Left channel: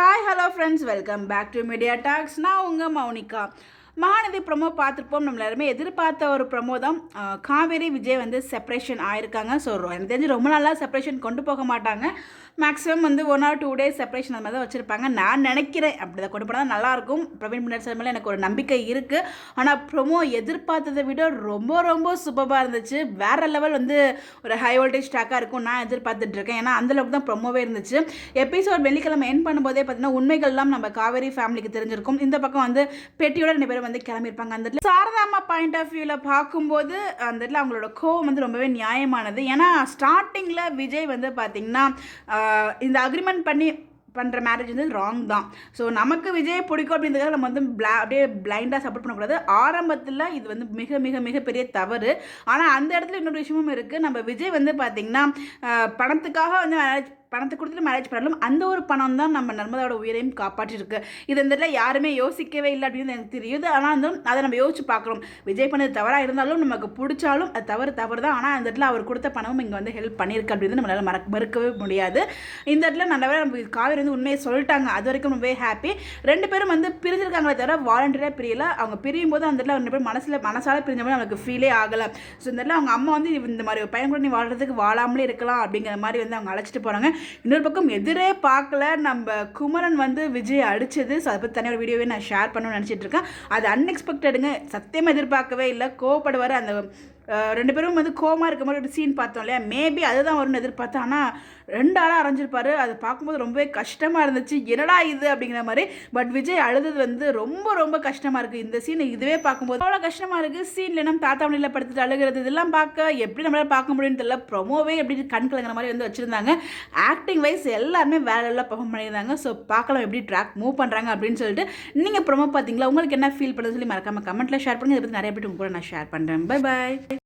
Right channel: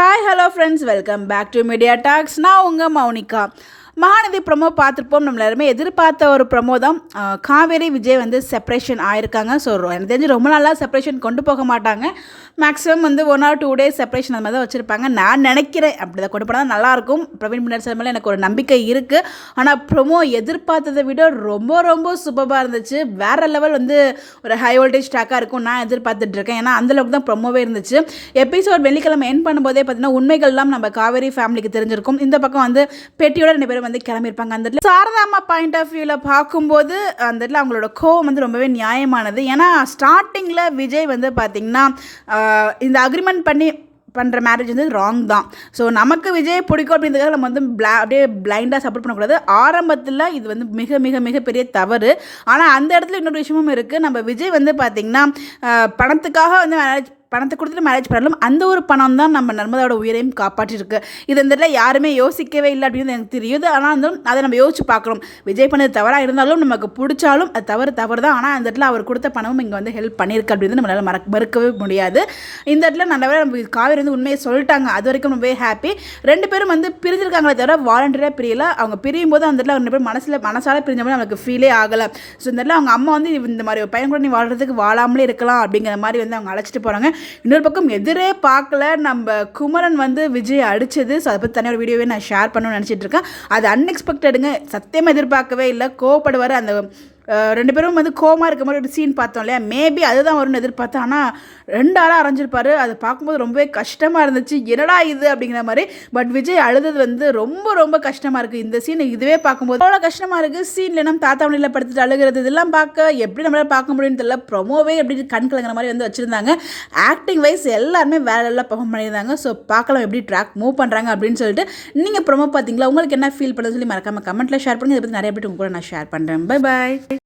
Hi hello friends, welcome back to media talks. நான் உங்கள் Mounika. Mahanadi promo பார்த்துருப்போம். நம்ம எல்லாருமே எதிர்பார்த்த ஒரு ப்ரொமோ தான். காவேரி விஜய் வந்து செப்பரேஷன் ஆயிருக்காங்க. ஸோ எனக்கு தெரிஞ்சு ரொம்ப நாளாக செப்பரேஷன் கொண்டு போக மாட்டாங்க. மேக்ஸிமம் வந்து 1 or 2 days செப்பரேஷன் அந்த மாதிரி தான் வச்சுருப்பாங்க. நான் நினைக்கிறேன் அப்படி தான் கொண்டு போனால் நல்லாயிருக்கும். பிரவீன் முன்னாடி சார் மேலே எனக்கு ஒரு நம்பிக்கை இருக்குது. ஆனால் ப்ரொமோ எதிர்பார்த்ததை விட ரொம்ப ரொம்ப சூப்பராக இருந்துச்சு. வேறு லெவல் வந்து ஒரு ஹை வோல்டேஜ் ட்ராக்காக இருக்கும் நான் எதிர்பார்த்துட்ருக்கேன். ஏன்னா அந்தளவுக்கு தான் ப்ரொமோவே இருந்துச்சு. எபிசோட் வெள்ளிக்கிழமை என் பண்ணும்போதே பார்த்தீங்கன்னா உண்மைகள்லாம் நம்ம காவேரி ஃபேமிலிக்கு தெரிஞ்சிருக்கும். இந்த பக்கம் வந்து பெட்டியோட 2 பேரும் வந்து கிளம்பியிருப்பாங்க. அந்த இடத்துல சாரதாமா பாயிண்ட் ஆஃப் வியூவில் பார்க்கும்போது அந்த இடத்துல அவங்களோட கோவம் வந்து ரொம்பவே நியாயமானது. ஏன்னா ஸ்டார்டிங்கில் விஜய் வந்து பார்த்திங்கன்னா இந்த அக்ரிமெண்ட் பண்ணுற மேரேஜ் வந்து ராங் தான். ஸோ நமக்கு விஜய் பிடிக்கும் அப்படின்றதுக்காக நம்ம வந்து அப்படியே பிளைண்டாக சப்போர்ட் பண்ணக்கூடாது. ஆரம்பத்தில் இது வந்து மிக மிக மிகப்பெரிய தவறு. ஆனால் அந்த இடத்துல இன்னொரு விஷயமும் இருக்குது. நம்ம விஜய் வந்து பார்த்திங்கன்னா பணத்துக்காக வந்து பணத்தை கொடுத்துட்டு மேரேஜ் பண்ணலாம். அந்த ஒரு பணம் தான் நம்ம நர்மதாவோட உயிரையும் காப்பாற்றிருக்கு. இது இந்த இடத்துல யாருமே யோசிக்கவே இல்லை அப்படின்னு எனக்கு தெரியுது. ஆனால் வந்து அதை நம்ம யோசிச்சு பார்க்குறோம். விஜய் பண்ணது தவறாக இருந்தாலும் நமக்கு பிடிச்சாலும் அது தவறு தான். ஆனால் அந்த இடத்துல அவர் கொடுத்த பணமும் இங்கே வந்து ஹெல்ப் பண்ணியிருக்கு அப்படின்னு நம்மளால் மறுக்கவே முடியாது. இந்த இடத்துல நல்லவே நம்ம காவேரி வந்து உண்மையை சொல்லிட்டாங்க. அது வரைக்கும் ரொம்பவே ஹாப்பி. 2 பேரும் வந்து பிரிஞ்சிருக்காங்களே தவிர வாலண்டியராக பிரியலை. அவங்க பிரியும் போது அந்த இடத்துல 2 பேரும் மனசால பிரிஞ்ச மாதிரி நமக்கு ஃபீலே ஆகலை. ஸோ இந்த இடத்துல அவங்க அம்மா வந்து இந்த மாதிரி ஒரு பையன் கூட நீ வாழ்கிறதுக்கு வாழாமலே இருக்கலாம் அப்படிங்கிற மாதிரி வந்து அவங்க அழைச்சிட்டு போகிறாங்க. இன்னொரு பக்கம் எதிரே பார்க்கல நம்ம குமரன் வந்து விஜய் அடித்தது. ஸோ அதை பற்றி தனியாக வீடியோவே நான் ஷேர் பண்ணணும்னு நினச்சிட்டு இருக்கேன். அது அன்எக்ஸ்பெக்டடுங்க. சத்தியமாக எதிர்பார்க்கவே இல்லை. கோவப்படுவார். அந்த 2 பேரும் வந்து கோவமாக இருக்க மாதிரி ஒரு சீன் பார்த்தோம் இல்லையா. மேபி அதுதான் வரும்னு எதிர்பார்த்தேன். ஆனால் 2 ஆளாக அரைஞ்சிருப்பார். அது பார்க்கும்போது ரொம்பவே கஷ்டமாக இருந்துச்சு. என்னடா இது அப்படிங்கிற மாதிரி. பட் விஜய் அழுது வந்து ரொம்ப ரொம்ப கஷ்டமாக இருக்குது. இந்த சீன் இதுவே பார்க்கும்போது அவ்வளோ கஷ்டமாக இருக்குது. சீனில் நம்ம தாத்தா வண்டியில் படுத்துட்டு அழுகிறது இதெல்லாம் பார்க்க எப்படி நம்மளால் பார்க்க முடியும்னு தெரியல. ப்ரொமோவே எப்படி கண் கலங்கிற மாதிரி வந்து வச்சுருந்தாங்க. ஆக்டிங் வைஸ் எல்லாருமே வேற எல்லாம் பெர்ஃபார்ம் பண்ணியிருந்தாங்க. ஸோ பார்க்கலாம் எப்படி ட்ராக் மூவ் பண்ணுறாங்க அப்படின்னு சொல்லிட்டு. நீங்கள் ப்ரொமோ பார்த்தீங்களா? உங்களுக்கு என்ன ஃபீல் பண்ணுறது சொல்லி மறக்காமல் கமெண்ட்டில் ஷேர் பண்ணுங்கள். இதை பற்றி நிறைய பேர் உங்க கூட நான் ஷேர் பண்ணுறேன். Bye bye.